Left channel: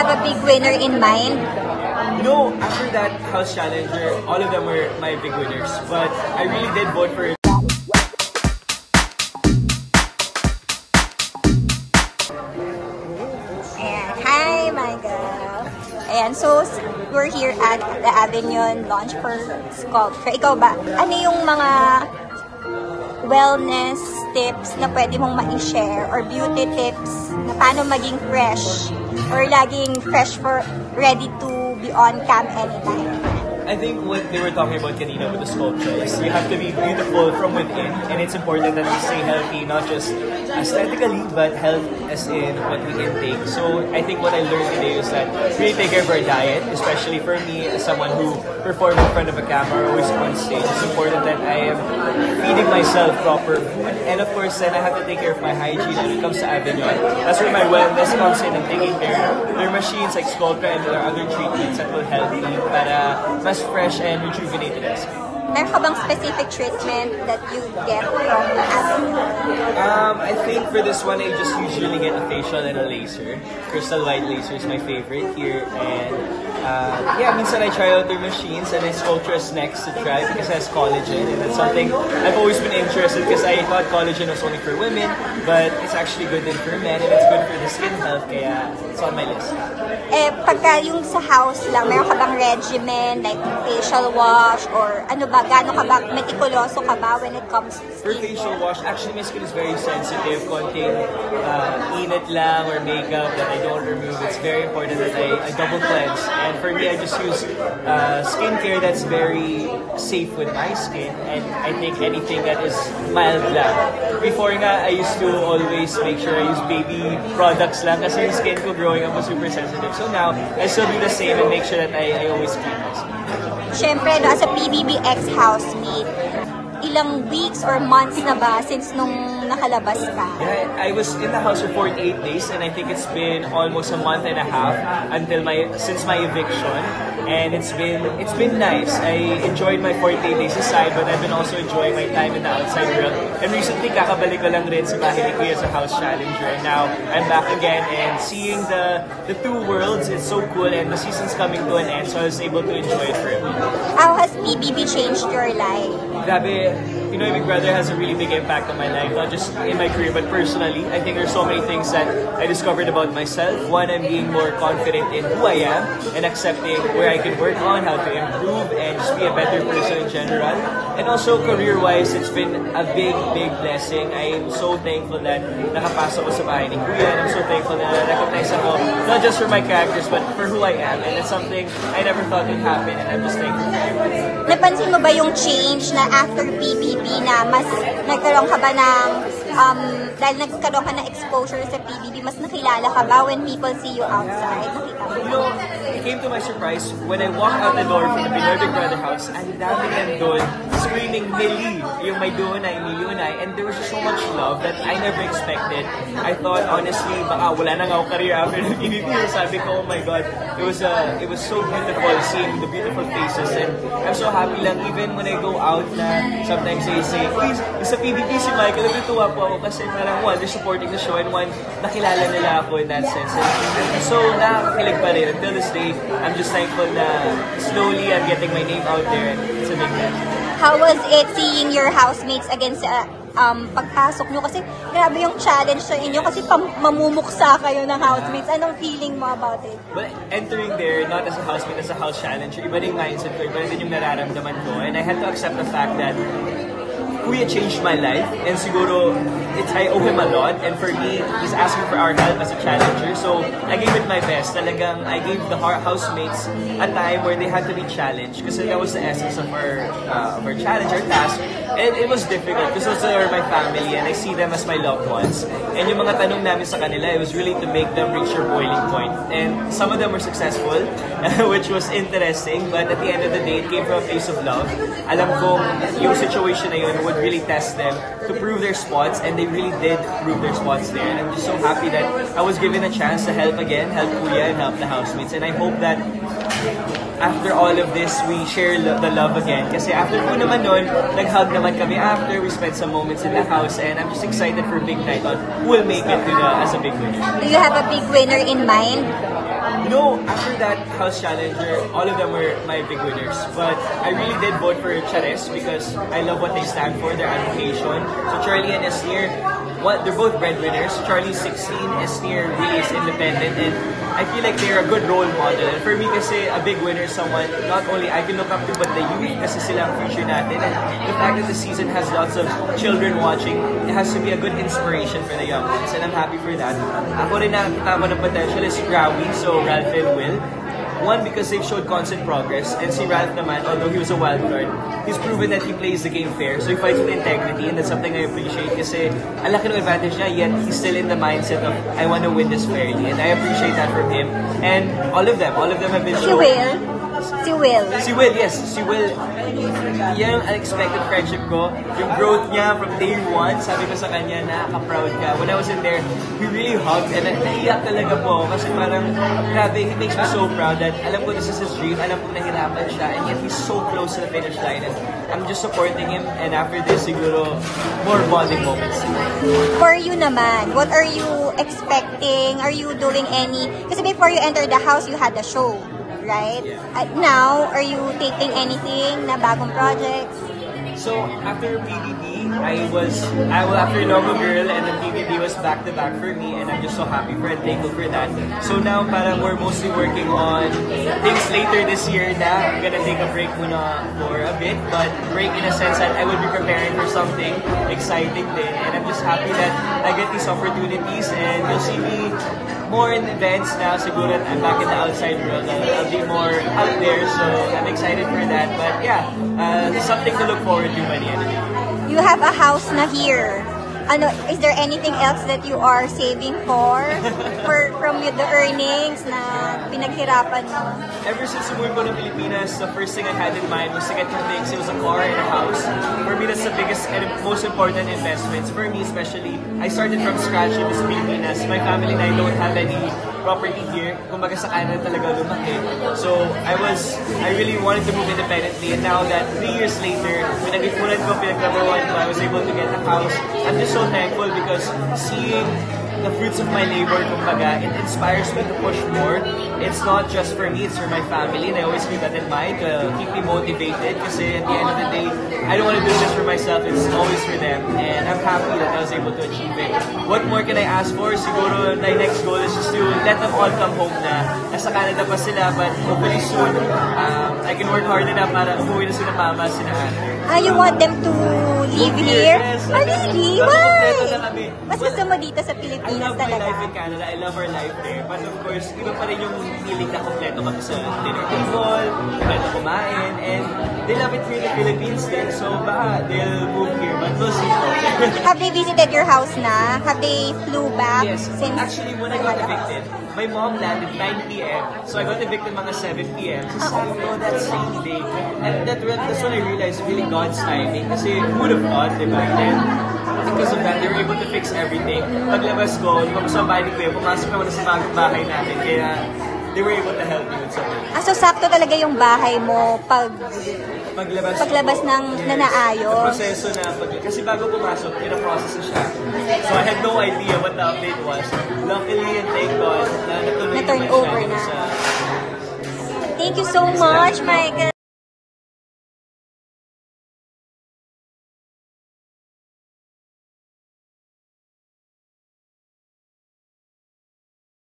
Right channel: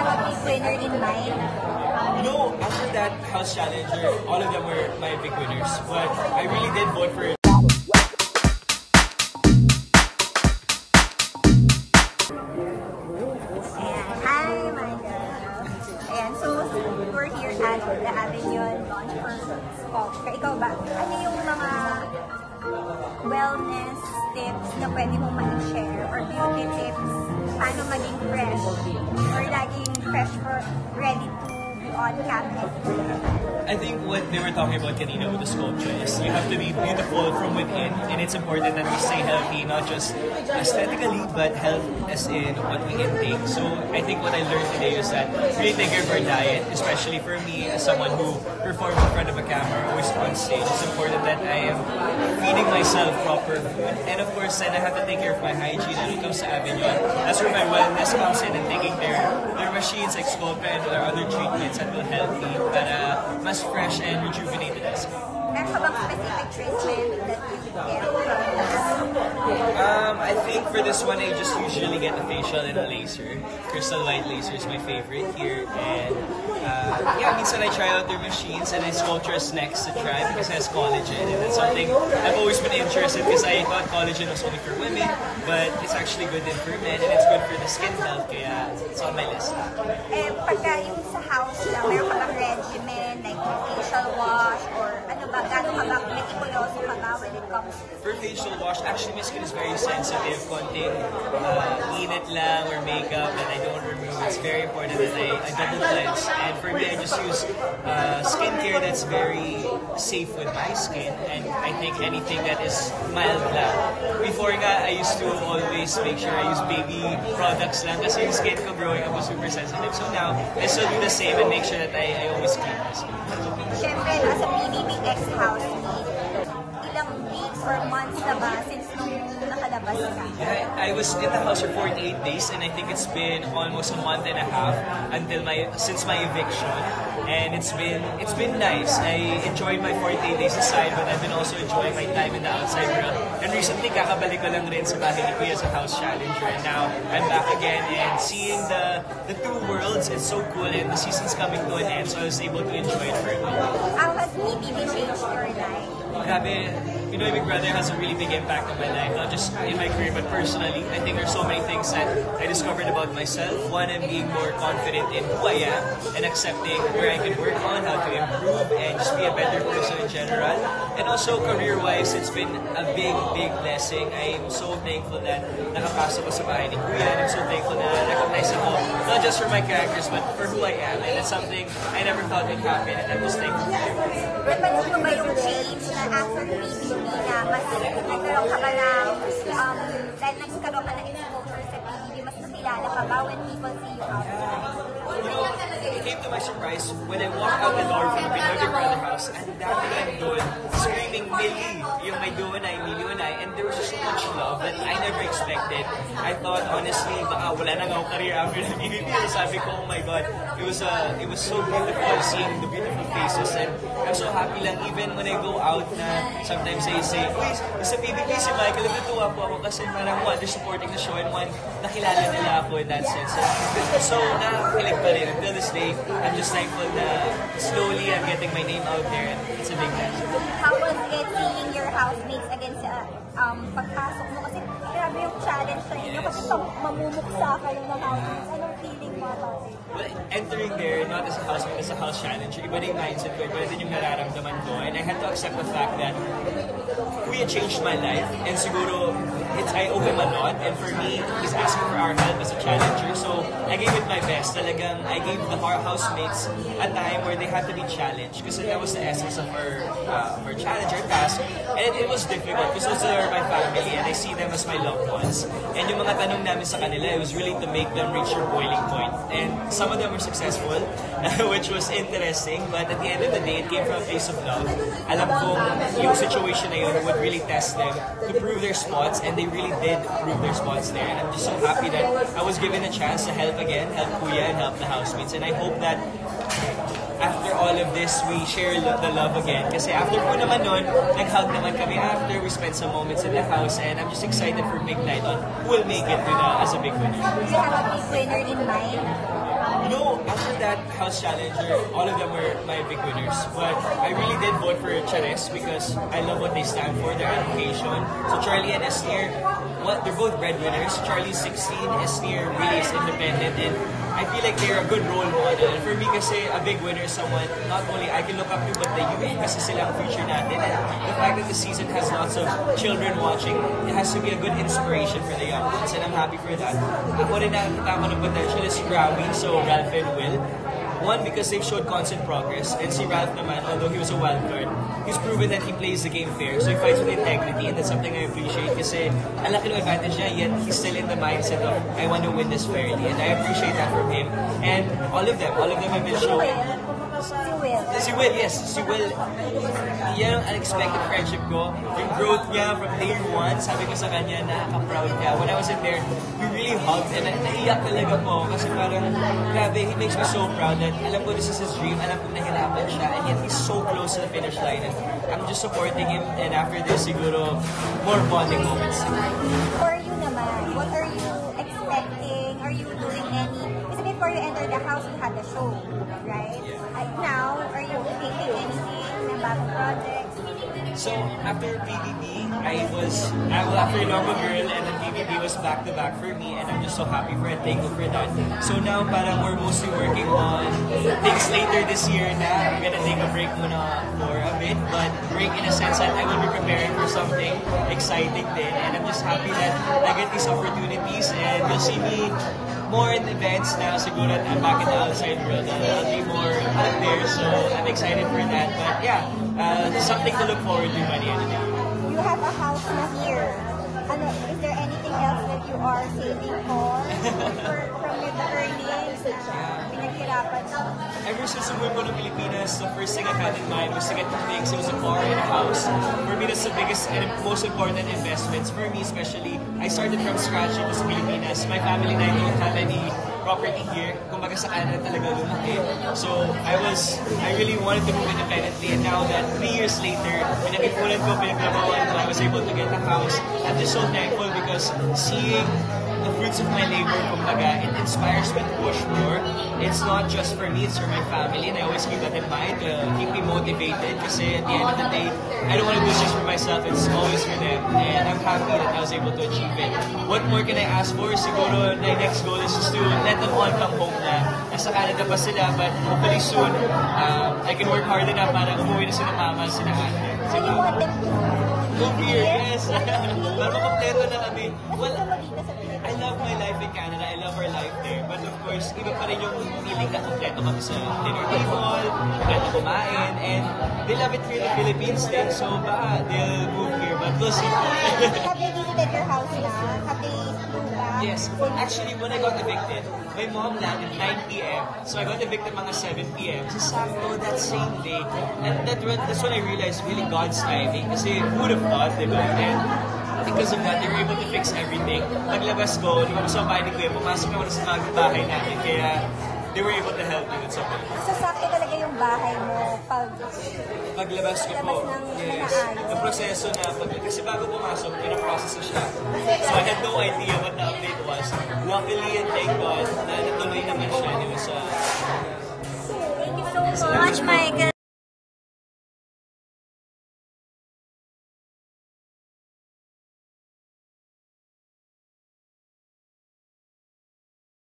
have a big winner in mind? You know, after that house challenger, all of them were my big winners. But I really did vote for it. And hi, Michael. Ayan, so we're here at the Avignon launch for Sculptra. Ikaw ba, ano yung mga wellness tips na pwede mong ma-share or beauty tips na paano maging fresh or laging fresh for ready to be on cam anytime? I think what they were talking about kanina with the sculpture is we have to be beautiful from within, and it's important that we stay healthy, not just aesthetically, but health as in what we intake. So I think what I learned today is that really take care of our diet, especially for me as someone who performs in front of a camera or always on stage. It's important that I am feeding myself proper food, and of course then I have to take care of my hygiene when it comes to Avignon. That's where my wellness comes in. I'm taking their machines like Sculptra and there are other treatments that will help me para mas fresh and rejuvenated. Meron ka bang specific treatment that you get from the Avignon? I think for this one, I just usually get a facial and a laser. Crystal White laser is my favorite here. And yeah, minsan I try out their machines, and then Sculptra is next to try because it has collagen. And it's something I've always been interested because I thought collagen was only for women, but it's actually good for men, and it's good for the skin health. Kaya it's on my list. Eh, pagka yung sa house lang, meron ka bang regimen, like facial wash, or ano ba, gano'n ka ba, metikuloso ka ba when it comes to For facial wash, actually my skin is very sensitive. Konting init lang or makeup that I don't remove. It's very important that I double cleanse. And for me, I just use skincare that's very safe with my skin. And I think anything that is mild lang. Before nga, I used to always make sure I use baby products lang kasi yung skin ko growing up was super sensitive. So now, I still do the same and make sure that I always clean my skin. Siyempre, no, as a PBBX housemate, ilang weeks or months na ba since nung nakalabas ka? Yeah, I was in the house for 48 days and I think it's been almost a month and a half since my eviction, and it's been nice. I enjoyed my 48 days aside, but I've been also enjoying my time in the outside world. And recently, kakabalik ko lang rin sa bahay ni Kuya as a house challenger, and now I'm back again and seeing the two worlds is so cool, and the season's coming to an end, so I was able to enjoy it for me. How has PBB changed your life? Grabe, you know, Big Brother has a really big impact on my life, not just in my career, but personally. I think there's so many things that I discovered about myself. One, I'm being more confident in who I am and accepting where I can work on, how to improve, and just be a better person in general. And also, career-wise, it's been a big, big blessing. I'm so thankful that nakapasok ko sa bahay ni Kuya, and I'm so thankful that na-recognize ako, not just for my characters, but for who I am. And it's something I never thought would happen, and I'm just thankful for it. Napansin mo ba yung change na after PBB na mas nagkaroon ka ba ng, dahil nagkaroon ka ng exposure sa PBB, mas nakilala ka ba when people see you outside? You know, it came to my surprise when I walked out the door from the Pinoy Big Brother house, and dami nandun screaming Millie, yung may Dunay, Milunay, and there was so much love that I never expected. I thought, honestly, baka wala na nga ako career after the PBB. Sabi ko, oh my God, it was so beautiful seeing the beautiful faces, and I'm so happy lang even when I go out na sometimes they say, please, sa PBB si Michael, natutuwa po ako kasi parang one, they're supporting the show, and one, nakilala nila ako in that sense. And I'm so nakakakilig pa rin. Until this day, I'm just thankful na slowly I'm getting my name out there, and it's a big blessing. How was it seeing your housemates against pagpasok nyo? Kasi grabe yung challenge sa inyo kasi mamumuksa kayo ng housemates. Anong feeling mo about it? Well, entering there, not as a housemate, as a house challenger, iba rin yung mindset ko, iba rin yung nararamdaman ko. And I had to accept the fact that Kuya changed my life, and siguro I owe him a lot, and for me, he's asking for our help as a challenger, so I gave it my best. Talagang I gave the housemates a time where they had to be challenged, because that was the essence of our challenge, our task. And it was difficult because those are my family and I see them as my loved ones. And yung mga tanong namin sa kanila, it was really to make them reach their boiling point. And some of them were successful, which was interesting, but at the end of the day, it came from a place of love. Alam kong yung situation na yun would really test them to prove their spots, and they really did prove their spots there. And I'm just so happy that I was given a chance to help again, help Kuya and help the housemates. And I hope that after all of this, we share the love again. Kasi after po naman nun, nag-hug naman kami after. We spent some moments in the house, and I'm just excited for big night on who will make it to as a big winner. Do you have a big winner in mind? You No, after that House Challenger, all of them were my big winners. But I really did vote for Charis because I love what they stand for, their advocation. So Charlie and Esnir, they're both breadwinners. Charlie's 16, Esnir really is independent, and I feel like they're a good role model. And for me kasi, a big winner is someone not only I can look up to, but the youth kasi sila ang future natin. And the fact that the season has lots of children watching, it has to be a good inspiration for the young ones. And I'm happy for that. Ako rin nakakita ko ng potential is si Grawie, so Ralph and Will. One, because they've showed constant progress, and si Ralph naman, although he was a wild card, he's proven that he plays the game fair, so he fights with integrity, and that's something I appreciate kasi ang laki ng advantage niya, yet he's still in the mindset of, I want to win this fairly, and I appreciate that from him. And all of them have been so... Si Will. Si Will, yes. Si Will, yan ang unexpected friendship ko. Yung growth niya from day one, sabi ko sa kanya, nakaka-proud ka. When I was in there, he really hugged and naiyak talaga po ako kasi parang, grabe, he makes me so proud that alam ko this is his dream, alam ko nahirapan siya, and yet he's so close to the finish line. And I'm just supporting him, and after this, siguro, more bonding moments. For you naman, what are you expecting? Are you doing any... Kasi before you enter the house, you had the show. Right? Yeah. Now, are you thinking anything na bagong projects? So, after PBB, after Normal Girl, and then PBB was back-to-back for me, and I'm just so happy and thankful for that. So now, parang we're mostly working on things later this year na I'm gonna take a break muna for a bit, but break in a sense that I will be preparing for something exciting din, and I'm just happy that I get these opportunities, and you'll see me more in events now, siguro that I'm back in the outside world, and I'll be more out there, so I'm excited for that. But yeah, something to look forward to by the end of the year. You have a house na here. Ano, is there anything else that you are saving from the earnings na pinaghirapan mo? Ever since we were in the Pilipinas, the first thing I had in mind was to get two things. It was a car and a house. For me, that's the biggest and most important investments. For me especially, I started from scratch in this Pilipinas. My family and I don't have any property here. Kumbaga sa Canada talaga lumaki. So, I really wanted to move independently, and now that 3 years later, pinag-ipunan ko, pinagtrabahuan ko, I was able to get a house. I'm just so thankful because seeing the fruits of my labor, kumbaga, it inspires me to push more. It's not just for me, it's for my family, and I always keep that in mind to keep me motivated kasi at the end of the day, I don't want to do this for myself, it's always for them, and I'm happy that I was able to achieve it. What more can I ask for? Siguro my next goal is to let them all come home na. Nasa Canada pa sila, but hopefully soon, I can work hard enough para umuwi na sila mama, sila ate. You want them to live here? Yes. Really? Kompleto na kami. Mas gusto mo dito sa Pilipinas I love my talaga? life in Canada. I love our life there. But of course, iba pa rin yung feeling na kompleto kami sa dinner table, kompleto kumain, and they love it here in the Philippines din. So baka they'll move here, but we'll see. Have they visited your house na? Have they flew back? Yes. Actually, when I got evicted, my mom landed 9 p.m. So I got evicted mga 7 p.m. So sakto that same day. And that's when I realized really God's timing. Kasi who would have thought, diba? And because of that, they were able to fix everything. Paglabas ko, lumabas ang bahay ni Kuya, pumasok naman sa bagong bahay namin. Kaya they were able to help me with something. So sakto talaga yung bahay mo paglabas ng nanaayos. Ang proseso na, kasi bago pumasok, pinaprocess na siya. So I had no idea what the update was. Luckily and thank God, na natuloy naman siya. Thank you so much, Michael.